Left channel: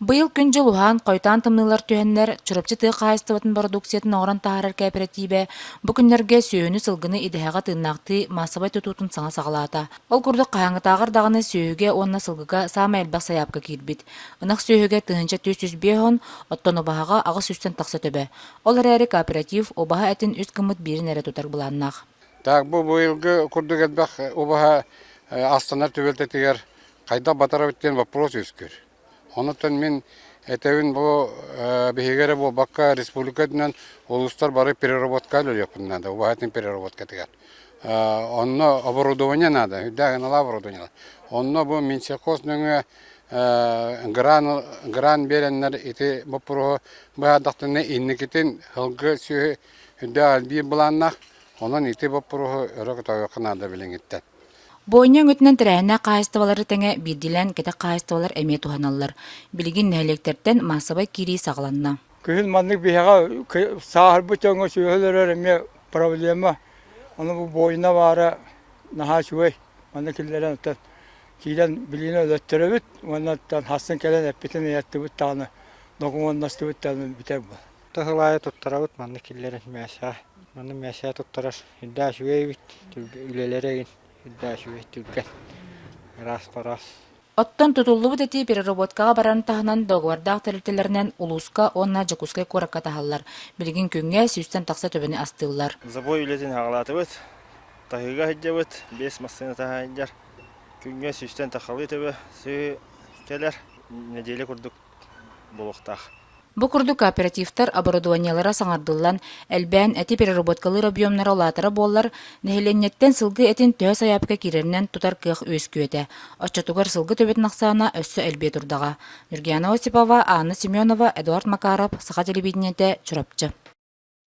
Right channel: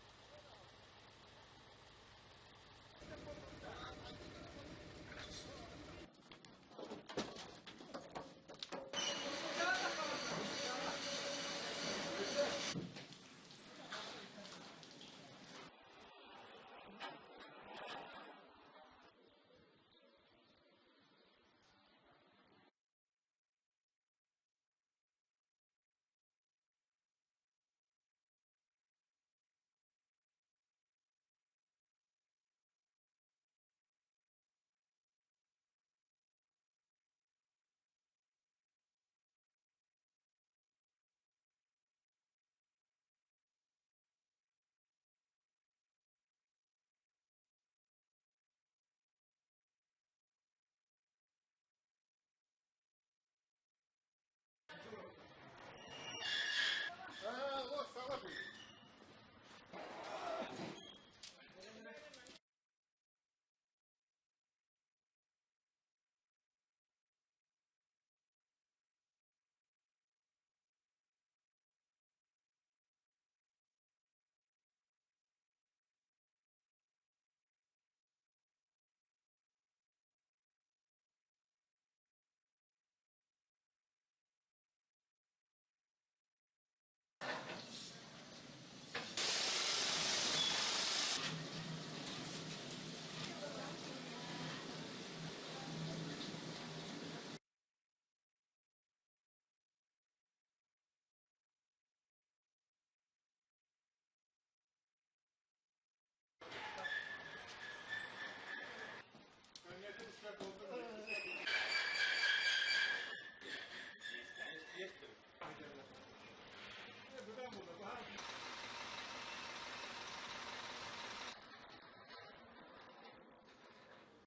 Быйыл күн жылухан қойтан тымнылар түйеннер чурапчы тыы қайыстыбатын продукциятын оғран тағарар кооперативе бұ күннерге сүйөні сылгыны идеяға тыыннақты массабай тұтутын саңа сағалата. Ол күрді қайаңы тағыр дағыны сүйөге онна сылгыға сама әлбәқ саяпқа кирбит. Инақ сүйөге тыынча 400 оттон обаға ағыс үстен тақса төбе. Ол әрі кооператив обаға әтін үст кымыт бірін әрі тұтар бұланнақ. Так, бұл быйылғы күрдік әдбәқ обаға астанар төбелтетігер қайда батара біттен вопрос өскер. Онытын мен әтәуін бұл бігегері бұл баққа республикадынан олыстар бары переработка өліяпын нада, обағатын переработка тігер. Онны оборудование нада, үдәғін ала оборудование. Онны бұл менсекосының гран беренлер ити бұл пұрғы бұғадақтыны иннекетін ғылғы сүйі үдә әлбей бұланнақ, онын ити бұл пұрғы өрігі тауықын ада білін еттен. Бойнyan ötünen tärähine qaýystywaları teňe birdilen kete qaýystywalar emie tuhanallar. Bilgin nähileklerden masabay kiri saglanna. Kühül mandyk bihaga sahar bu çoňa şöhleler emie problema. Onu bu boyuna bara naha şuway. Mandykillerden ötüp kilen biline ötterebit, ondan hasyn kelen epitini ýetdi bu tany. Dokumen nasty bitden biter bu. Tahlaya tuttarabıt mandykillerin mäşä. Mandy mäşä tuttarar. Hidda şuway bit ülelere hidda şuway türken. Ras. Оттон тутуллубут эти переработкага баран тахынан договордах терителеринен улуска онна жакускай коракка тахаллар. Билгин күнгө сүйстен такса төбөне астыллар. Забой үлетин ағалатыбыт, тахыга хиджабыт, 5 массына тахайындар. Күнгө сүйстен тахалы төбө, сүй келер, неделе курдук болуқтақ. Бу курду кооперативтар оборудованиялара саңардыллан, әлбән әти переработкалыр объемнары олатары боллар, нехиленнеттен сылгы этин төһө саяпка киреринен тутар кых өскүөтэ. Оччотугар сылгы төбет нақсана өссө әлбе турдага. Миргияна Осипова, Анна Семенова, Эдуард Макаров, Саха телевидениете, Чурапчы.